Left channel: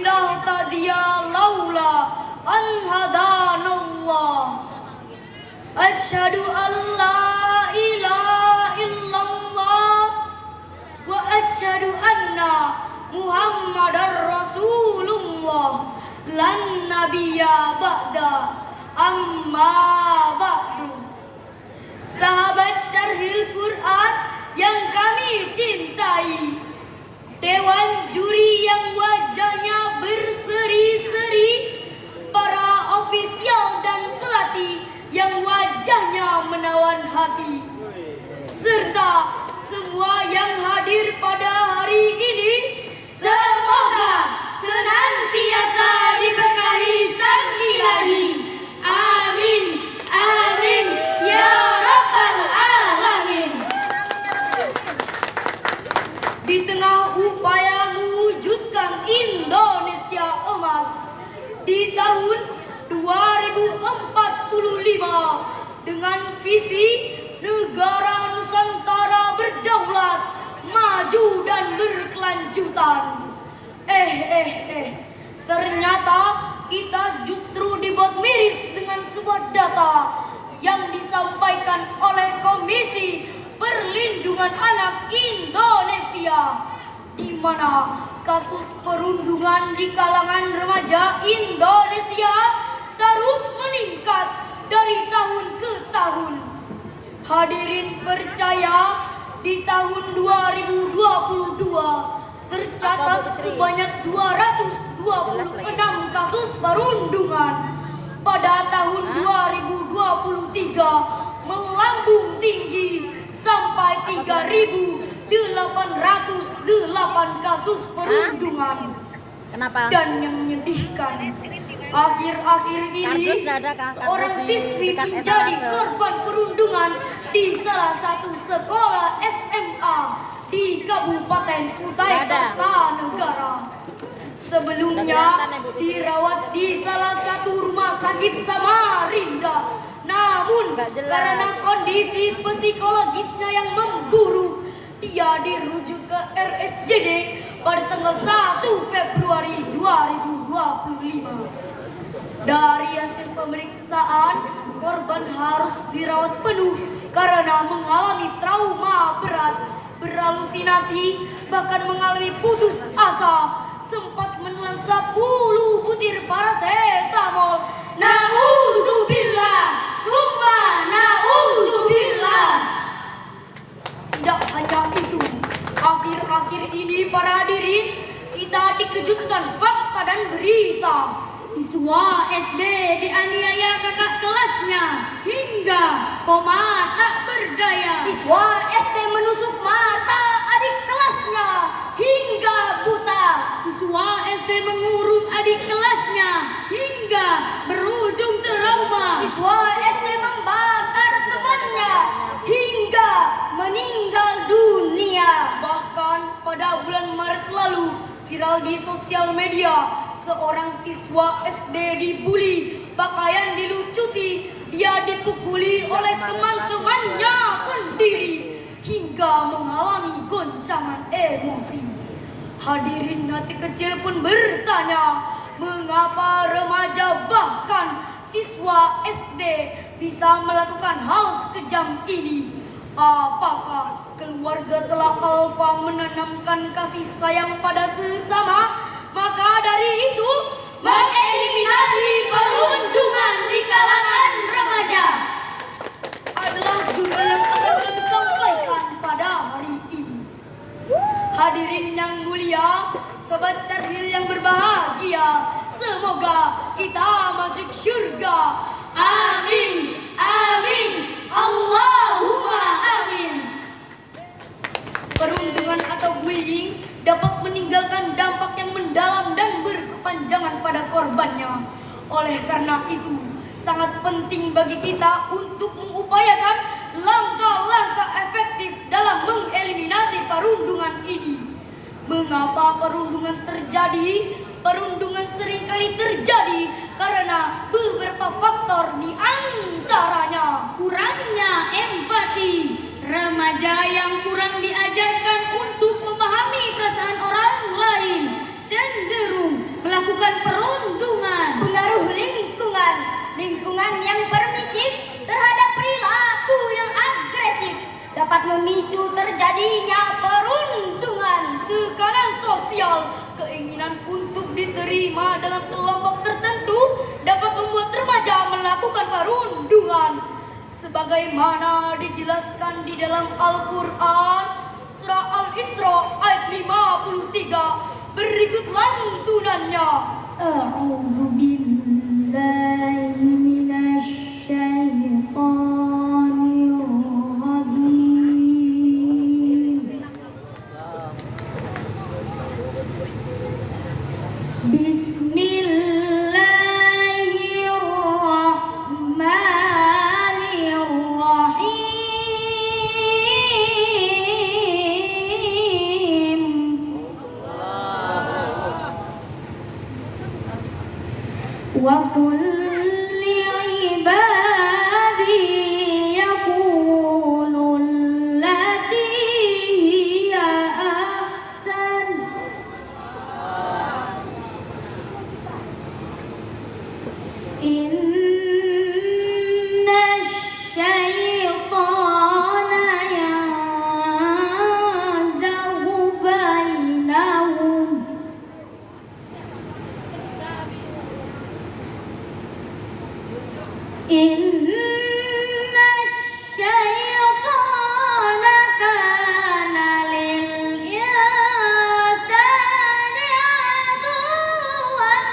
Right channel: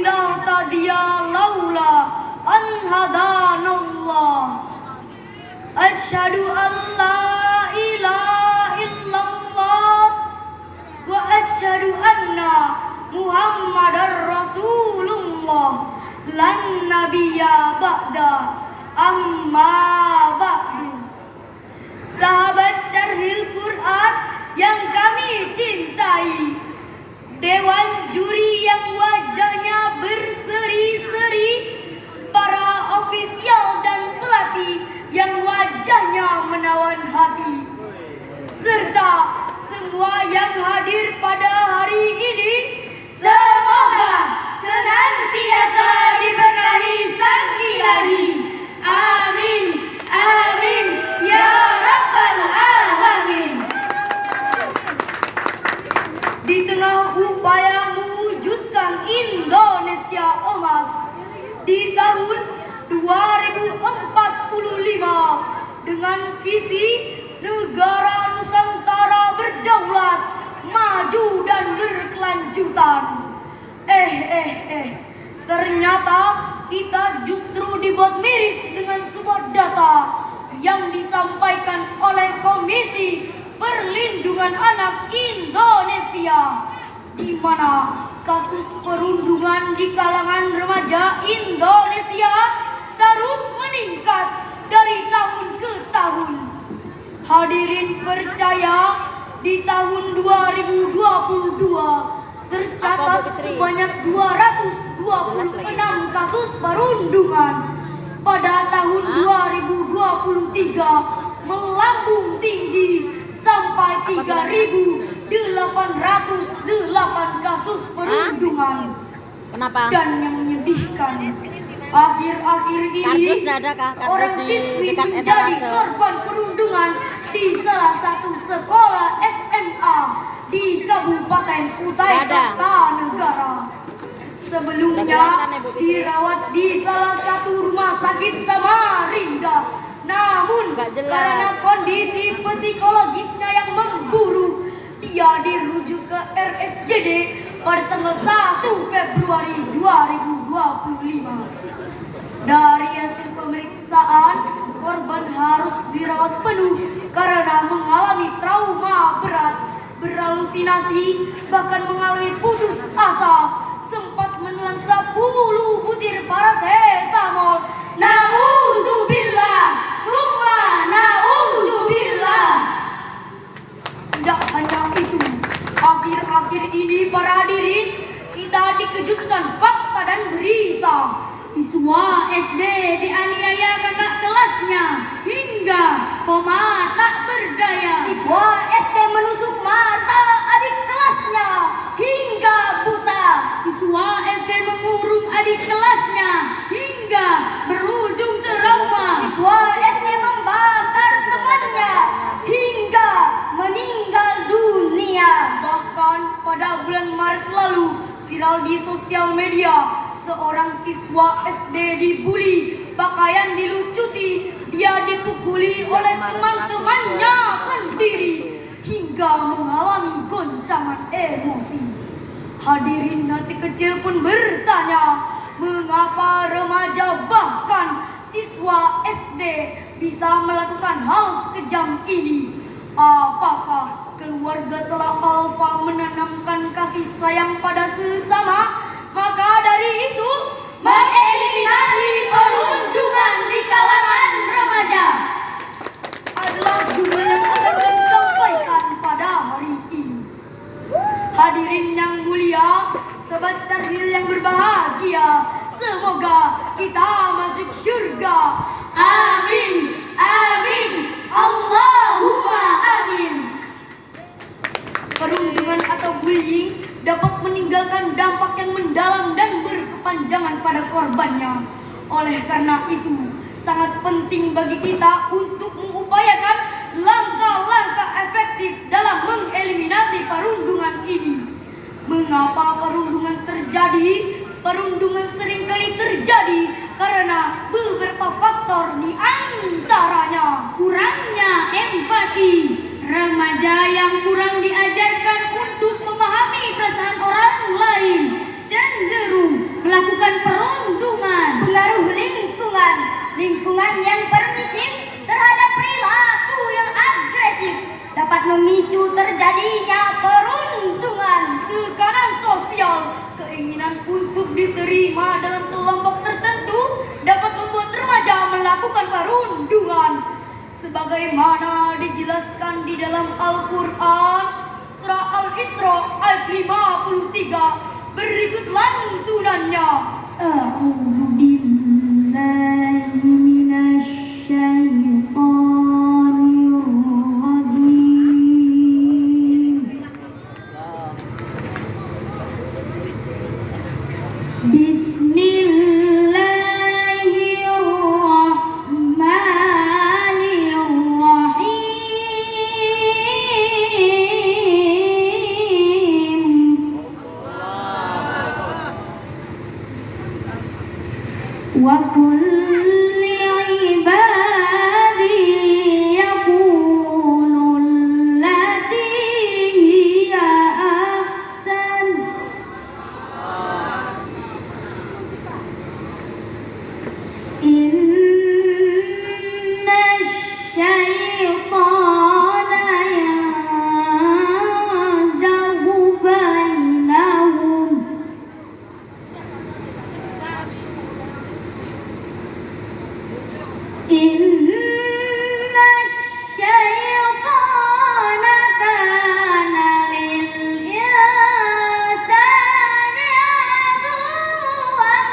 linahtadiya laula an hadanallah. Asyhadu an la ilaha illallah wa asyhadu anna Muhammadar Rasulullah lan nabiyya ba'da amma ba'du. Sahabat Syarhil Quran yang kami cintai, dewan juri yang wajahnya berseri-seri, para ofisial dan pelatih yang wajahnya menawan hati, serta semua yang hadir pada hari ini, semoga senantiasa diberkahi Sang Ilahi. Amin, amin, ya Rabbal Alamin. Di tengah upaya mewujudkan Indonesia Emas di tahun 2045 dengan visi negara Nusantara berdaulat, maju dan berkelanjutan. Ternyata kita justru dibuat miris dengan sebuah data yang disampaikan oleh Komisi Perlindungan Anak Indonesia, di mana kasus perundungan di kalangan remaja Indonesia terus meningkat dari tahun ke tahun. Hadirin percaya, di tahun 2022 tercatat sebanyak 226 kasus perundungan. Pada tahun 2023 melambung tinggi sampai 3.808 kasus perundungan. Kenapa? Dan yang menyedihkan, akhir-akhir ini seorang siswi menjadi korban perundungan di salah satu sekolah SMA di Kabupaten Kutai Kartanegara. Sebelumnya dirawat di salah satu rumah sakit Samarinda, namun karena kondisi psikologisnya yang memburuk, dia dirujuk ke RSJD pada tanggal 1 Februari 2025. Dari hasil pemeriksaan, korban harus dirawat penuh karena mengalami trauma berat, berhalusinasi, bahkan mengalami putus asa, sempat menelan 10 butir parasetamol. Nauzubillah, summa nauzubillah. Tidak hanya itu, akhir-akhir ini para hadirin, kita dikejutkan fakta dan berita. Siswa SD dianiaya kakak kelasnya hingga koma tak berdaya. Siswa SD menusuk mata adik kelasnya hingga buta. Siswa SD mengurung adik kelasnya hingga berujung trauma. Siswa SD membakar temannya hingga meninggal dunia. Bahkan pada bulan Maret lalu viral di sosial media, seorang siswa SD dibuli, pakaian dilucuti, dia dipukuli oleh teman-temannya sendiri hingga mengalami goncangan emosi. Hadirin hati kecil pun bertanya, mengapa remaja bahkan siswa SD bisa melakukan hal sekejam ini? Apakah keluarga telah alfa menanamkan kasih sayang pada sesama? Maka dari itu, mengeliminasi perundungan di kalangan remaja adalah judul yang akan kami sampaikan pada hari ini. Hadirin yang mulia, sobat Syarhil yang berbahagia, semoga kita masuk surga. Amin, amin, Allahumma amin. Perundungan atau bullying dapat meninggalkan dampak yang mendalam dan berkepanjangan pada korbannya. Oleh karena itu, sangat penting bagi kita untuk mengupayakan langkah-langkah efektif dalam mengeliminasi perundungan ini. Mengapa perundungan terjadi? Perundungan seringkali terjadi karena beberapa faktor, di antaranya kurangnya empati. Remaja yang kurang diajarkan untuk memahami perasaan orang lain cenderung melakukan terjadinya perundungan, tekanan sosial, keinginan untuk diterima dalam kelompok tertentu dapat membuat remaja melakukan perundungan. Sebagaimana dijelaskan di dalam Al-Quran, surah Al-Isra ayat 53, berikut lantunannya. A'udzu billahi minasy syaithanir rajim. Wa kulli ibadi yaqulul lati hiya ahsan. Inna syaitana yanzaghu bainahum. Inna syaitana kana lil insani aduwwan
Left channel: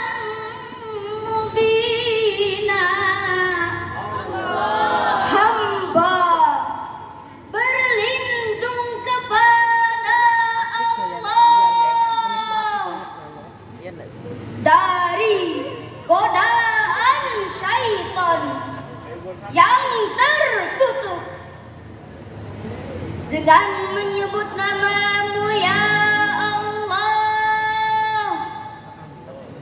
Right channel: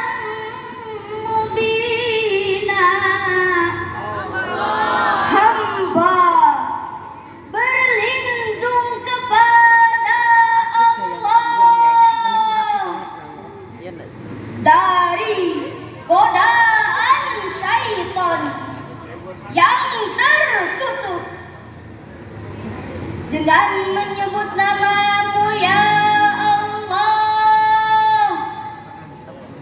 mubina. Hamba berlindung kepada Allah dari godaan syaitan yang terkutuk, dengan menyebut namamu ya Allah,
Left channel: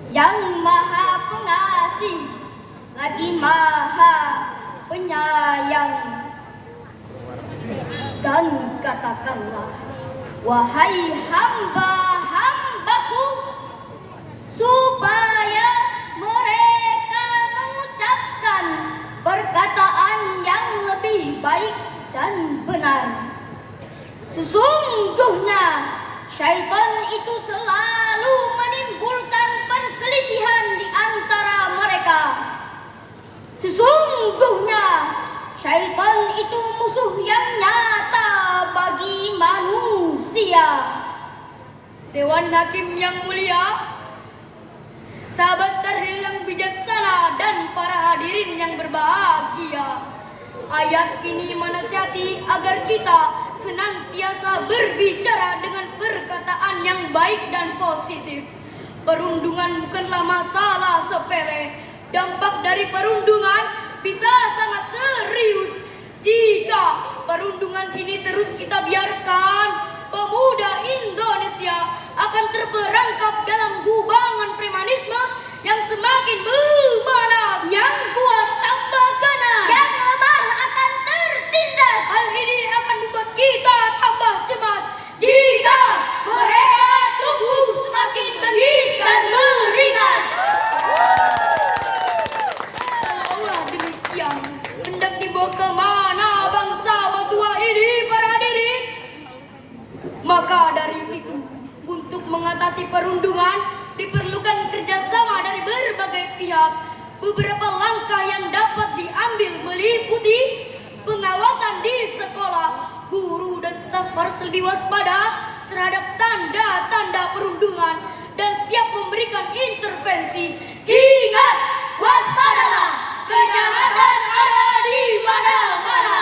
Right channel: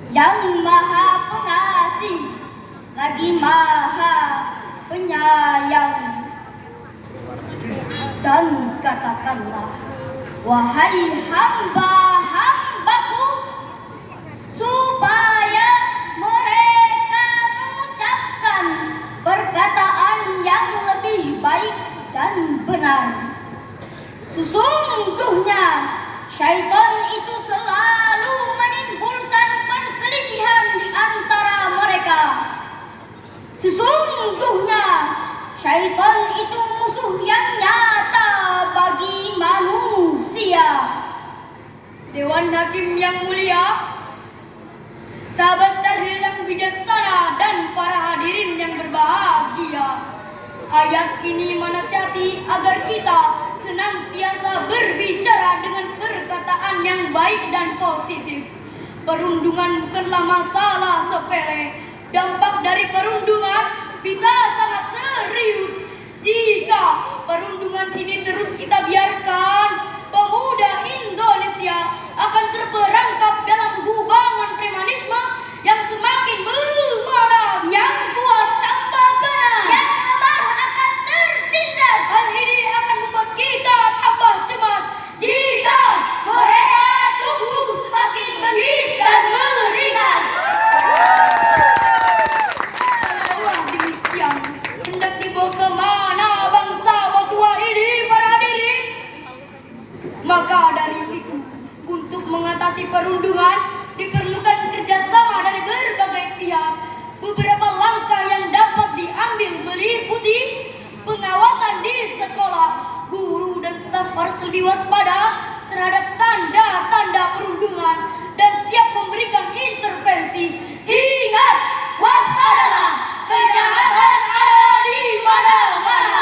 yang maha pengasih lagi maha penyayang. Dan katakanlah, wahai hamba-hambaku, supaya mereka mengucapkan perkataan yang lebih baik dan benar. Sesungguhnya syaitan itu selalu menimbulkan perselisihan di antara mereka. Sesungguhnya syaitan itu musuh yang nyata bagi manusia. Dewan Hakim yang mulia, sahabat Syarhil yang bijaksana, dan para hadirin yang berbahagia, ayat ini menasihati agar kita senantiasa berbicara dengan perkataan yang baik dan positif. Perundungan bukanlah masalah sepele. Dampak dari perundungan bisa sangat serius. Jika perundungan ini terus kita biarkan, pemuda Indonesia akan terperangkap dalam gubangan premanisme yang semakin memanas. Yang kuat tambah ganas, yang lemah akan tertindas. Hal ini akan membuat kita tambah cemas jika mereka tumbuh semakin bengis dan beringas. Kalau demikian, hendak dibawa kemana bangsa tua ini, para hadirin? Maka dari itu, untuk mengatasi perundungan diperlukan kerjasama dari berbagai pihak. Beberapa langkah yang dapat diambil meliputi pengawasan di sekolah. Guru dan staf harus lebih waspada terhadap tanda-tanda perundungan dan siap memberikan intervensi. Ingat, waspadalah, kejahatan ada di mana-mana.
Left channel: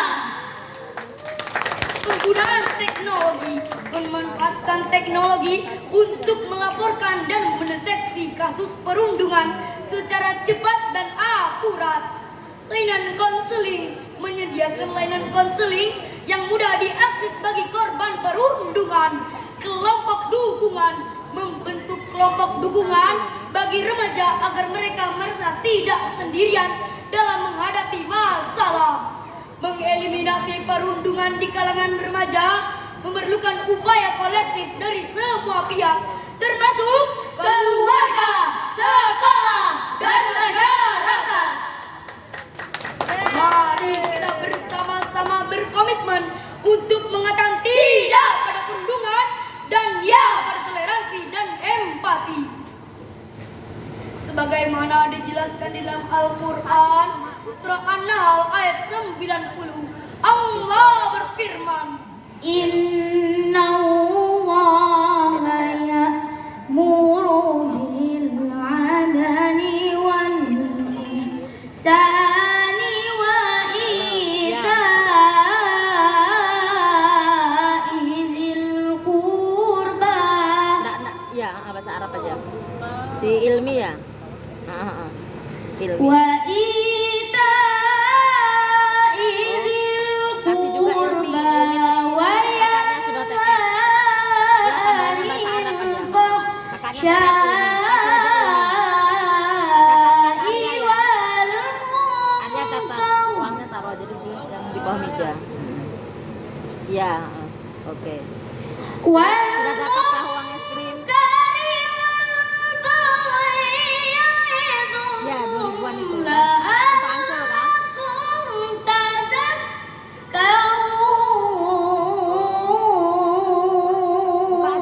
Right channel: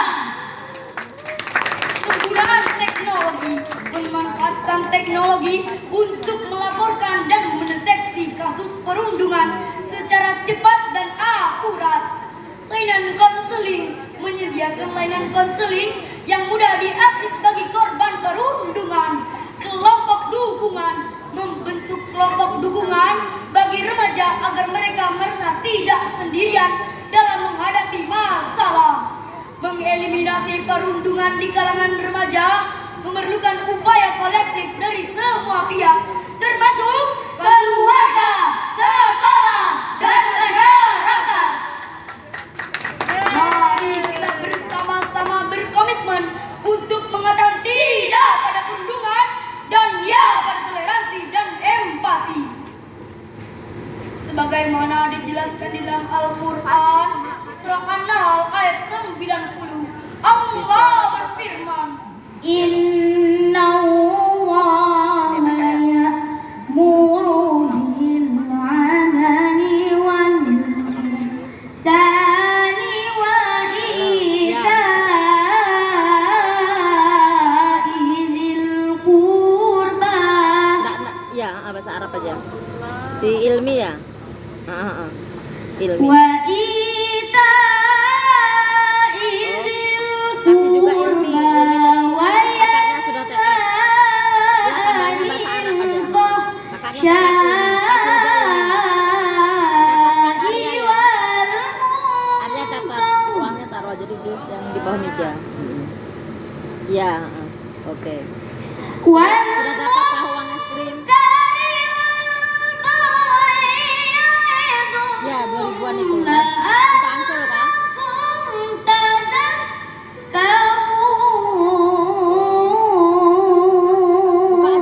Penggunaan teknologi, memanfaatkan teknologi untuk melaporkan dan mendeteksi kasus perundungan secara cepat dan akurat. Layanan konseling, menyediakan layanan konseling yang mudah diakses bagi korban perundungan. Kelompok dukungan, membentuk kelompok dukungan bagi remaja agar mereka merasa tidak sendirian dalam menghadapi masalah. Mengeliminasi perundungan di kalangan remaja memerlukan upaya kolektif dari semua pihak, termasuk keluarga, sekolah, dan masyarakat. Mari kita bersama-sama berkomitmen untuk mengatakan tidak Inna Allaha ya'muru bil 'adli wal ihsani wa ita'i dzil qurba. Ya, bahasa Arab aja. Si Ilmi ya. Ilmi. Wa ita'i dzil Kasih juga Ilmi. qurba wa Kakaknya sudah tambahin bahasa Arab aja. Kakaknya yanfa'u wal Arya kata uangnya taruh aja di dus yang di bawah meja. Iya, oke. wal Sudah dapatkah uang es krim? Ya, 2000-an itu. Untuk Ansel kan?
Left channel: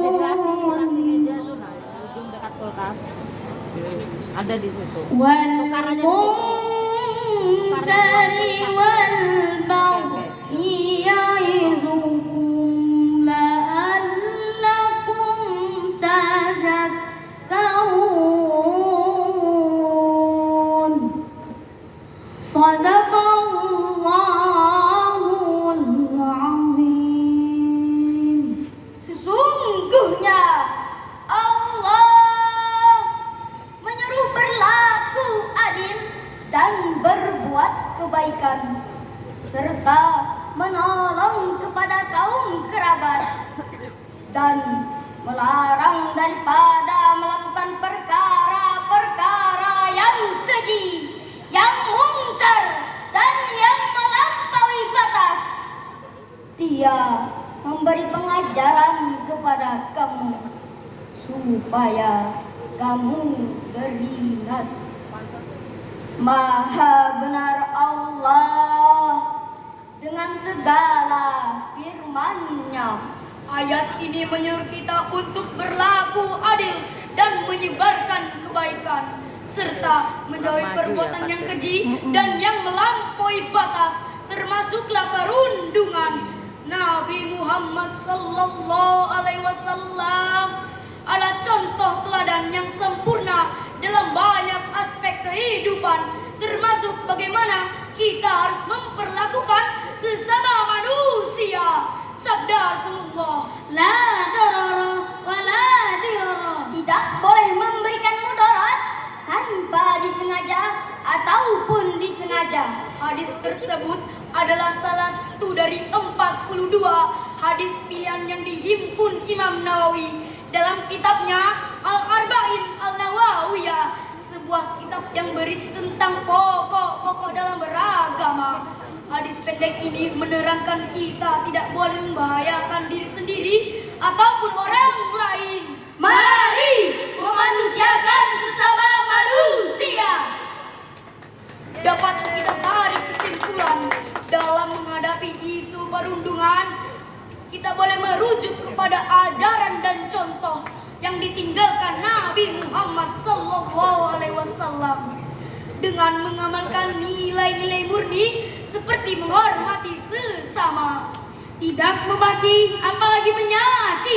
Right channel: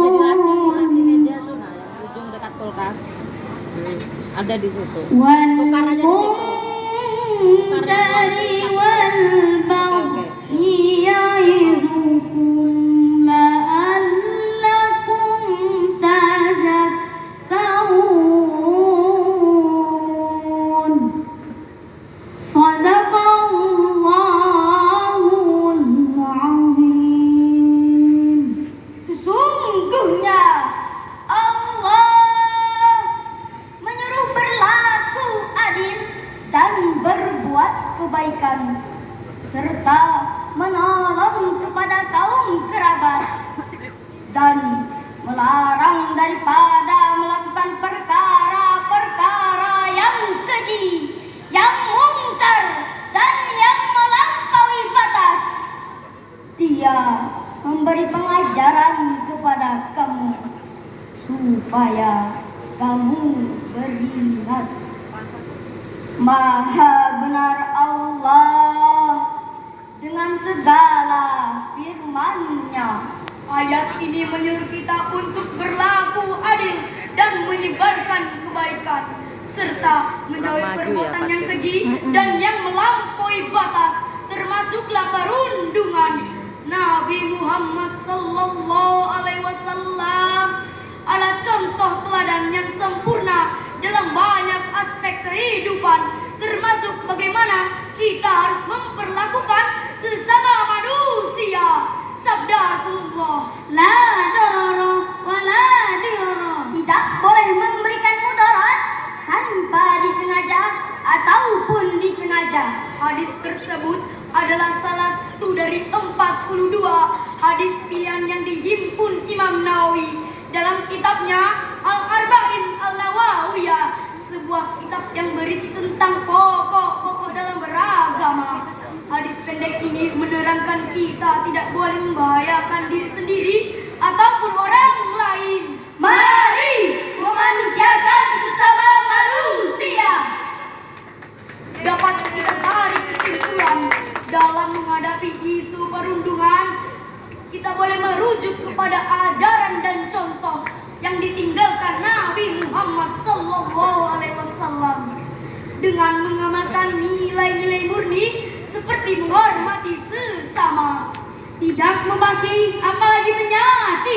Buka aja di laci meja tuh, nah yang ujung dekat kulkas. Ada di situ. Tukar aja di situ. Sadaqallahul azim. Sesungguhnya Allah menyuruh berlaku adil dan berbuat kebaikan serta menolong kepada kaum kerabat dan melarang daripada melakukan perkara-perkara yang keji, yang mungkar dan yang melampaui batas. Dia memberi pengajaran kepada kamu supaya kamu beringat. Maha benar Allah dengan segala firman-Nya. Ayat ini menyuruh kita untuk berlaku adil dan menyebarkan kebaikan serta menjauhi perbuatan yang keji dan yang melampaui batas, termasuklah perundungan. Nabi Muhammad sallallahu alaihi wasallam adalah contoh teladan yang sempurna dalam banyak aspek kehidupan, termasuk bagaimana kita harus memperlakukan sesama manusia. Sabda Rasulullah, La darara wa la dirara. tidak boleh memberikan mudarat tanpa disengaja ataupun disengaja. Hadis tersebut adalah salah satu dari 42 hadis pilihan yang dihimpun Imam Nawawi dalam kitabnya Al-Arba'in An-Nawawiyah, sebuah kitab yang berisi tentang pokok-pokok dalam beragama. Hadis pendek ini menerangkan kita tidak boleh membahayakan diri sendiri ataupun orang lain. Mari memanusiakan sesama manusia. Dapat kita tarik kesimpulan dalam menghadapi isu perundungan, kita boleh merujuk kepada ajaran dan contoh yang ditinggalkan Nabi Muhammad SAW dengan mengamalkan nilai-nilai murni seperti menghormati sesama, Tidak membagi apalagi menyakiti